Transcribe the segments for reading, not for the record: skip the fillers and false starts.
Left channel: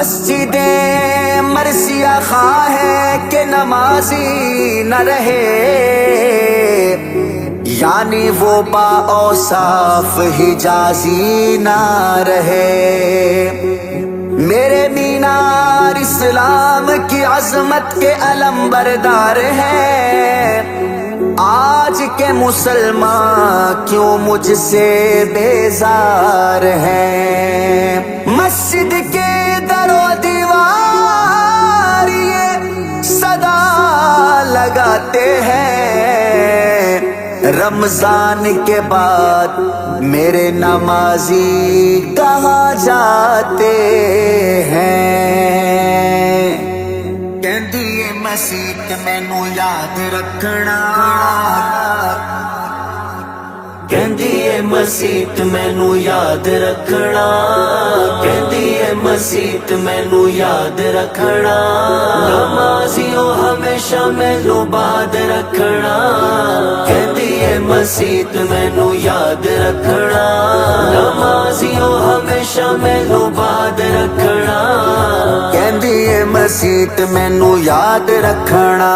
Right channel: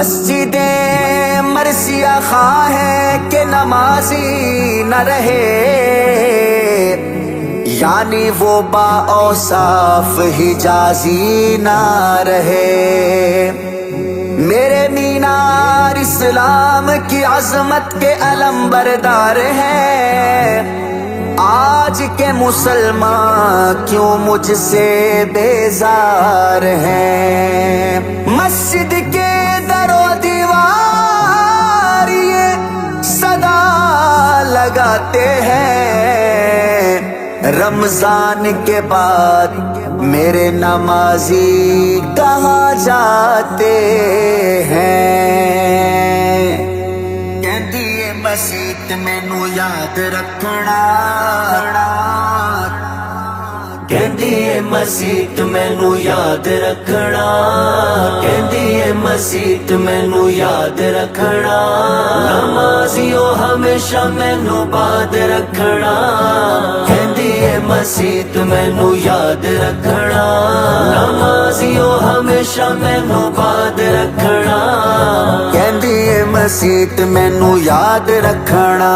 मस्जिदे मरसिया खा है कि नमाजी न रहे, यानी वो बाऔसाफ हिजाजी ना रहे। मेरे मीनार इस्लाम की अजमत के अलम बरदार है, आज के मुसलमान क्यों मुझसे बेजार हैं। मस्जिद के दरो दीवार ये सदा लगाते हैं, रमजान के बाद मेरे नमाजी कहाँ जाते हैं। कहंदी ए मसीत मैनू याद रखना, कहंदी ए मसीत मैनू याद रखना, कहंदी ए मसीत मैनू याद रखना। नमाजियों हमेशा मैनू बाद रखना, कहंदी ए मसीत मैनू याद रखना। नमाजियों हमेशा मैनू बाद रखना, कहंदी ए मसीत मैनू याद रखना।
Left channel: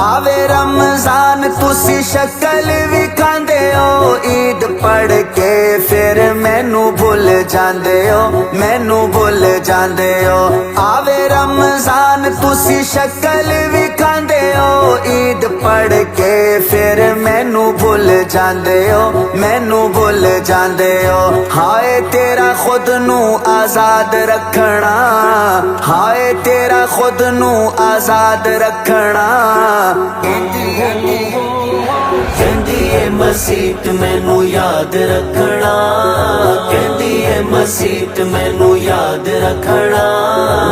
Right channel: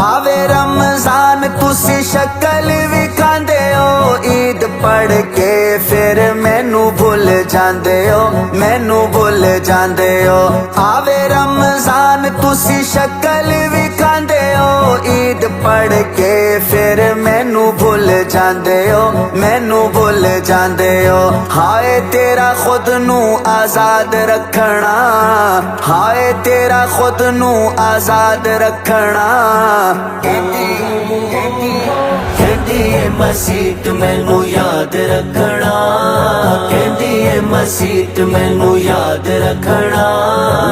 आवे रमजान तुसी शक्ल विखांदे हो, ईद पढ़ के फिर मैनू भुल जांदे हो, मैनू भुल जांदे हो। आवे रमजान तुसी शक्ल विखांदे हो, ईद पढ़ के फिर मैनू भुल जांदे हो, मैनू भुल जांदे हो। हाय तेरा खुद नू आजाद रखना, हाय तेरा खुद नू आजाद रखना। कहंदी ए मसीत मैनू याद रखना, कहंदी ए मसीत मैनू याद रखना।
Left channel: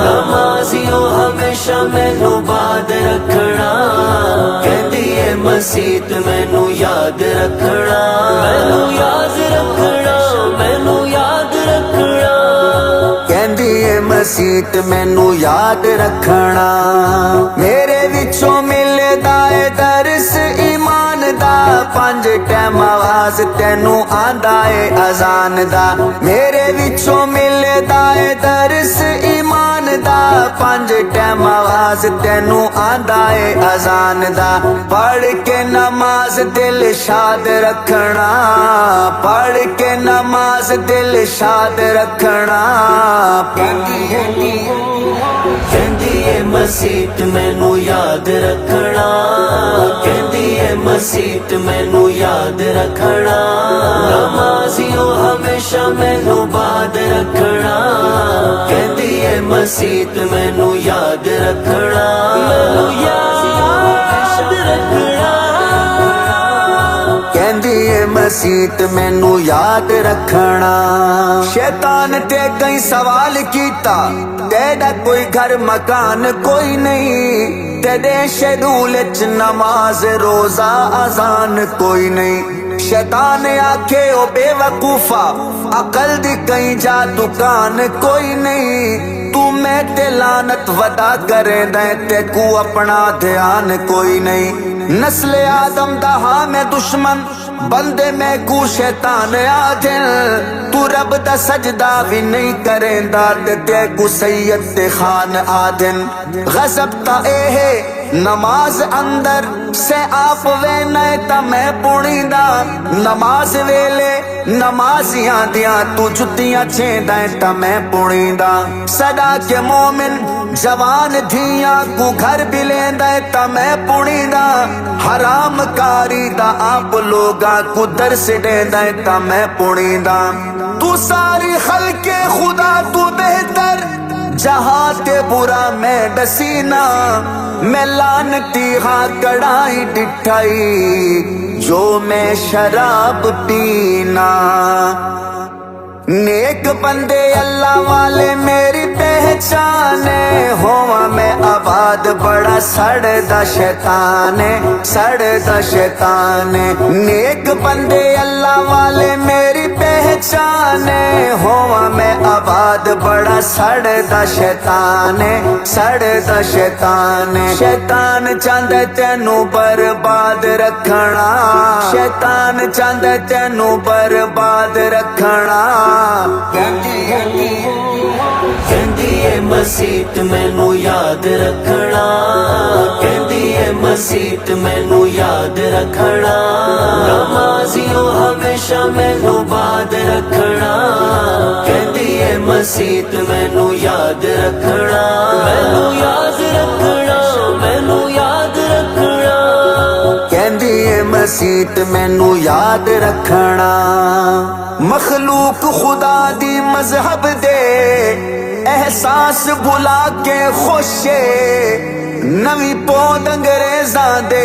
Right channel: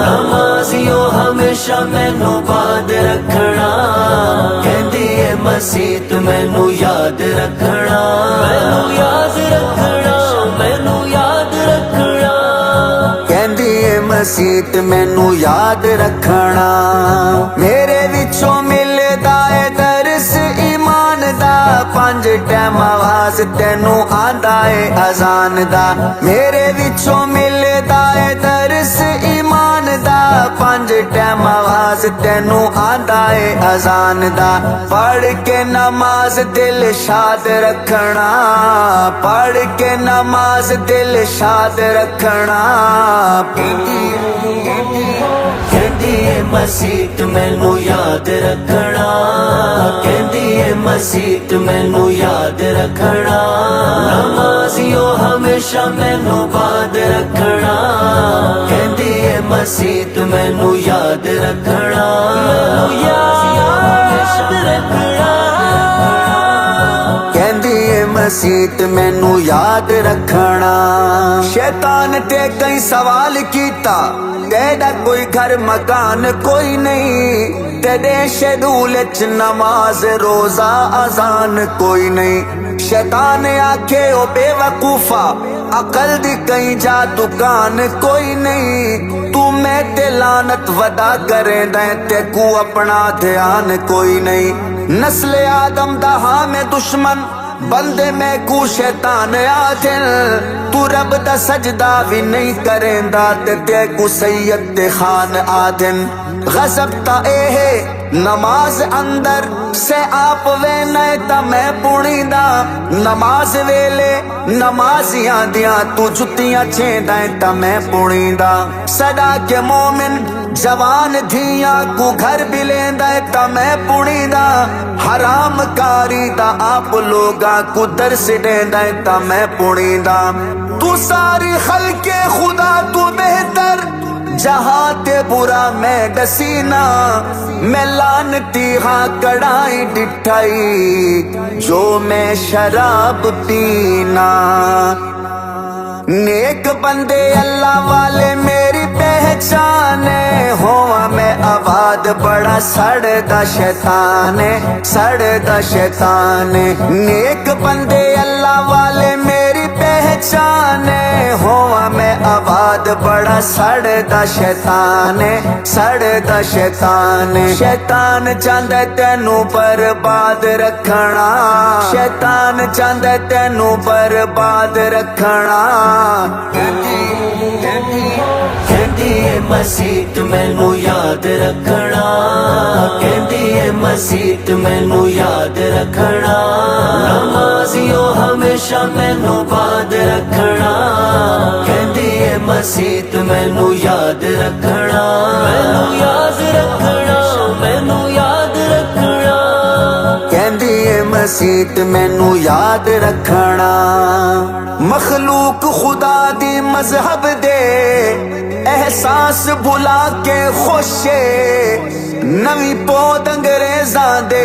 नमाजियों हमेशा मैनू बाद रखना, कहंदी ए मसीत मैनू याद रखना। मैनू याद रखना, मैनू याद रखना, कहंदी ए मसीत मैनू याद रखना। मेरे विचों मिलदा है दरस ईमान दा, 5 टाइम आवाज तेनू आंदा है अजान दा। मेरे विचों मिलदा है दरस ईमान दा, 5 टाइम आवाज तेनू आंदा है अजान दा। पढ़ के नमाज दिल शाद रखना, पढ़ के नमाज दिल शाद रखना। कहंदी ए मसीत मैनू याद रखना, कहंदी ए मसीत मैनू याद रखना। नमाजियों हमेशा मैनू बाद रखना, कहंदी ए मसीत मैनू याद रखना। मैनू याद रखना, कहंदी ए मसीत मैनू याद रखना। शैतान ते कई सवाल कीता, तेरा कोई घर मकान कोई नहीं, तेरे शेड्यूल च नमाज रोजा अजान कोई नहीं। शैतान आखे ओ बेवकूफा, अकल दी कहीं जा दुकान कोई नहीं। तू मैं ते लानत वदा करे दे, ते को अपना ध्यान कोई नहीं। नस्ल आदम दा हाँ मैं दुश्मन, बंदे में को शैतान आदिल। तू रब दा सजदा भी नहीं करेंदा, ते को सैयद ते खान आदिन। गजब ता ए है नमाज अंदर से आप वे नए ता मैं पुणीदा। नमाज वेले नमाजियां दियां तू जुतियां छेंदा ता मैं पुणीदा। सदा के मोमिन जवान धियां को घर भी लेंदा ता मैं पुणीदा। हराम कारी दा आप लोगा को दर्स देंदा ता मैं पुणीदा। तू सारी खल्के खुदा तू बेहतर, जहां ते बुरा मैं डसीना। मैं लानती हाँ कड़ाई डिठाई, जो मैं शराब पीना। नेक बंदे अल्लाह वाले मेरी पहचाने, होवा मैं आबाद बड़ा सड़दा शैतान है, सड़दा शैतान है। नेक बंदे अल्लाह वाले मेरी पहचाने, होवा मैं आबाद बड़ा सड़दा शैतान है, सड़दा शैतान है। शैतान चांदा तेनू बर्बाद रखना, शैतान चांदा तेनू बर्बाद रखना। कहंदी ਏ ਮਸੀਤ ਮੈਨੂੰ ਯਾਦ ਰੱਖਣਾ, ਕਹਿੰਦੀ ਏ ਮਸੀਤ ਮੈਨੂੰ ਯਾਦ ਰੱਖਣਾ, ਨਮਾਜ਼ੀਓ ਹਮੇਸ਼ਾ ਮੈਨੂੰ ਬਾਦ ਰੱਖਣਾ, ਕਹਿੰਦੀ ਏ ਮਸੀਤ ਮੈਨੂੰ ਯਾਦ ਰੱਖਣਾ, ਮੈਨੂੰ ਯਾਦ ਰੱਖਣਾ, ਮੈਨੂੰ ਯਾਦ ਰੱਖਣਾ, ਕਹਿੰਦੀ ਏ ਮਸੀਤ ਮੈਨੂੰ ਯਾਦ ਰੱਖਣਾ। मखलूक खुदा दी मजहब दे एहसास भुला के खुशे, नवी पौध अंग्रेजा दे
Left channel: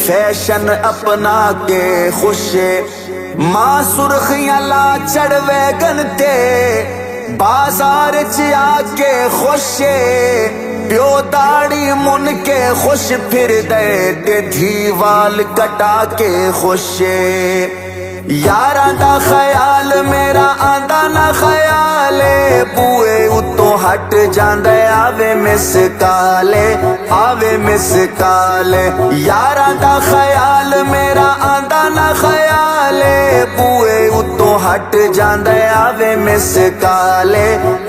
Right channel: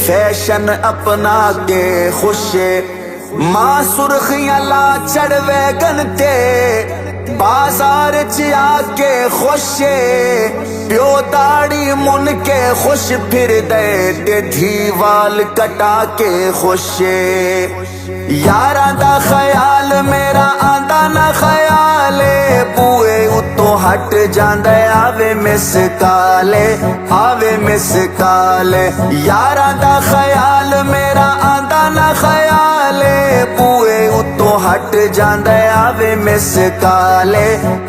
फैशन अपना के खुशे, मां सुर्खियां ला चढ़वे गनते बाजार च आके खुशे, प्यो दाड़ी मुन के खुश फिर दे ते धी वाल कटा के खुशे, यारा दा ख्याल मेरा आंदा ना ख्याले, बूए उतो हट जांदा आवे मिस काले, आवे मिस काले, यारा दा ख्याल मेरा आंदा ना ख्याले, बूए उतो हट जांदा आवे मिस काले,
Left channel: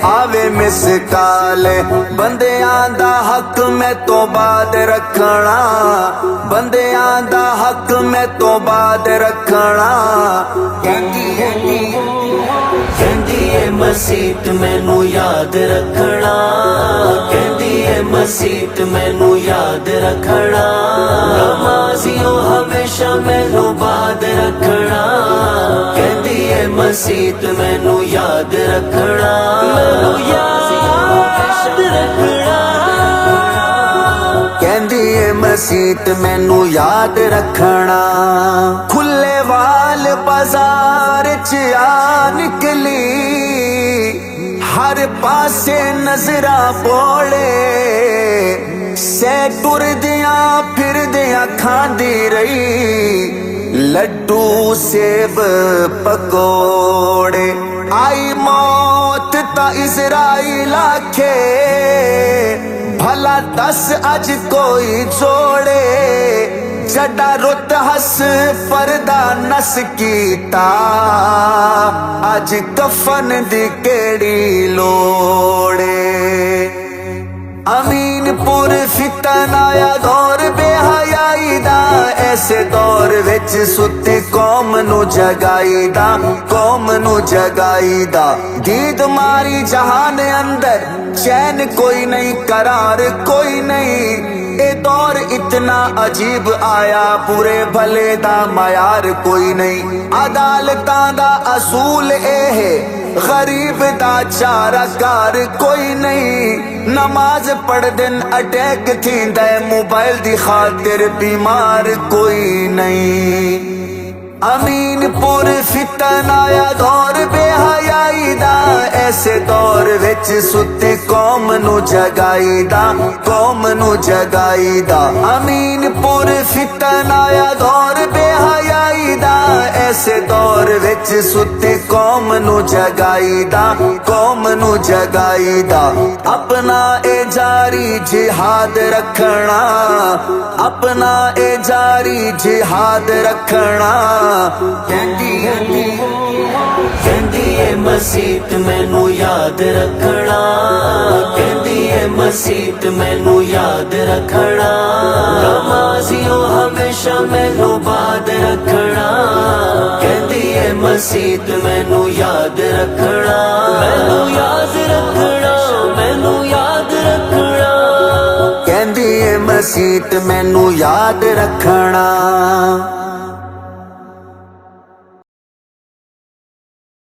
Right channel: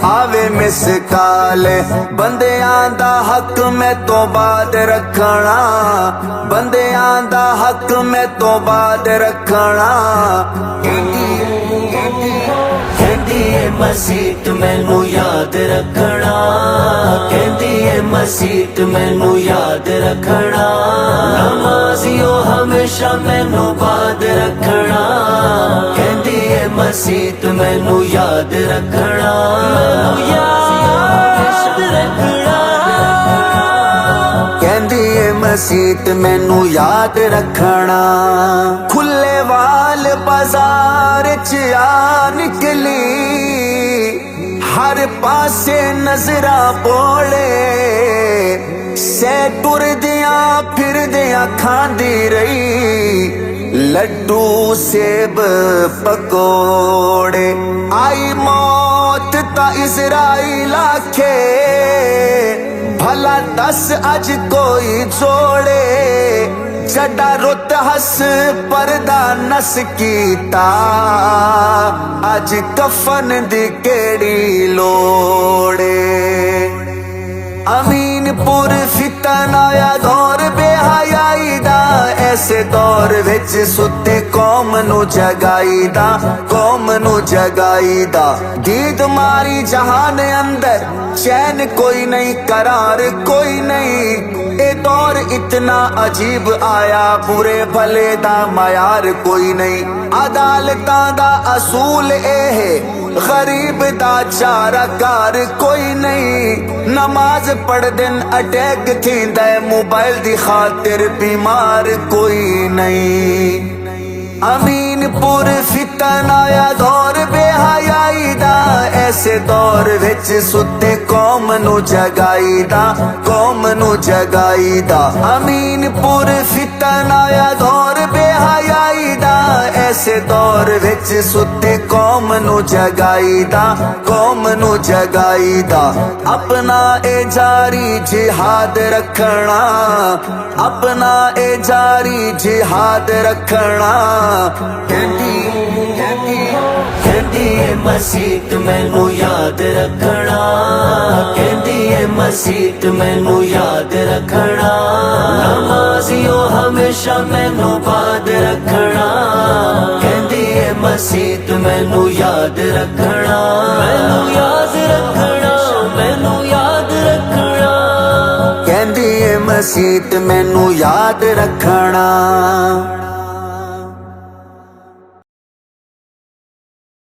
आवे मिस काले, बंदियां दा हक मैं तो बाद रखना, बंदियां दा हक मैं तो बाद रखना, कहती ਏ ਮਸੀਤ ਮੈਨੂੰ ਯਾਦ ਰੱਖਣਾ, ਕਹਿੰਦੀ ਏ ਮਸੀਤ ਮੈਨੂੰ ਯਾਦ ਰੱਖਣਾ, ਨਮਾਜ਼ੀਓ ਹਮੇਸ਼ਾ ਮੈਨੂੰ ਬਾਦ ਰੱਖਣਾ, ਕਹਿੰਦੀ ਏ ਮਸੀਤ ਮੈਨੂੰ ਯਾਦ ਰੱਖਣਾ, ਮੈਨੂੰ ਯਾਦ ਰੱਖਣਾ, ਕਹਿੰਦੀ ਏ ਮਸੀਤ ਮੈਨੂੰ ਯਾਦ ਰੱਖਣਾ। ਖੁੱਲੇ ਵਾਲ ਬਾਜ਼ਾਰ ਚ ਆ ਨਿਕਲੀ, हर पासे नजरा बोले, सै टुरदियां फिरदियां खांदी रही, लड्डू सेब पकोड़े, आई मौत ता इज़राइल आखे, भला दस अज कोई जोड़े, जड़ा रुत हस परदा नस कीता, अज कफन दी केड़ी लोड़े, अमीनपुर फितन आया दौर बेहयाई दा, ऐसे दौर विच सुती कौम नू जगाई दा, कौम नू जगाई दा, दीद मारी जहान अंदर चैन कोई नहीं, करार कोई नहीं, ए दौर इतना अजीब आया, बुरे भले दा मयार कोई नहीं, अदालतां दा असूल ए है, गरीब दा चारा कार कोई नहीं, नमाज पढ़ दिन अटैक थींदा, मोबाइल दी खातिर बीमार कोई नहीं, अमीनपुर फितन आया दौर बेहयाई दा, ऐसे दौर विच सुती कौम नू जगाई दा, कौम नू जगाई दा, अमीनपुर फितन आया दौर बेहयाई दा, ऐसे दौर विच सुती कौम नू जगाई दा, कौम नू जगाई दा, अपना ए जारी जिहाद रखना, अपना ए जारी जिहाद रखना, कहती ਏ ਮਸੀਤ ਮੈਨੂੰ ਯਾਦ ਰੱਖਣਾ, ਕਹਿੰਦੀ ਏ ਮਸੀਤ ਮੈਨੂੰ ਯਾਦ ਰੱਖਣਾ, ਨਮਾਜ਼ੀਓ ਹਮੇਸ਼ਾ ਮੈਨੂੰ ਬਾਦ ਰੱਖਣਾ, ਕਹਿੰਦੀ ਏ ਮਸੀਤ ਮੈਨੂੰ ਯਾਦ ਰੱਖਣਾ, ਮੈਨੂੰ ਯਾਦ ਰੱਖਣਾ, ਮੈਨੂੰ ਯਾਦ ਰੱਖਣਾ, ਕਹਿੰਦੀ ਏ ਮਸੀਤ ਮੈਨੂੰ ਯਾਦ ਰੱਖਣਾ।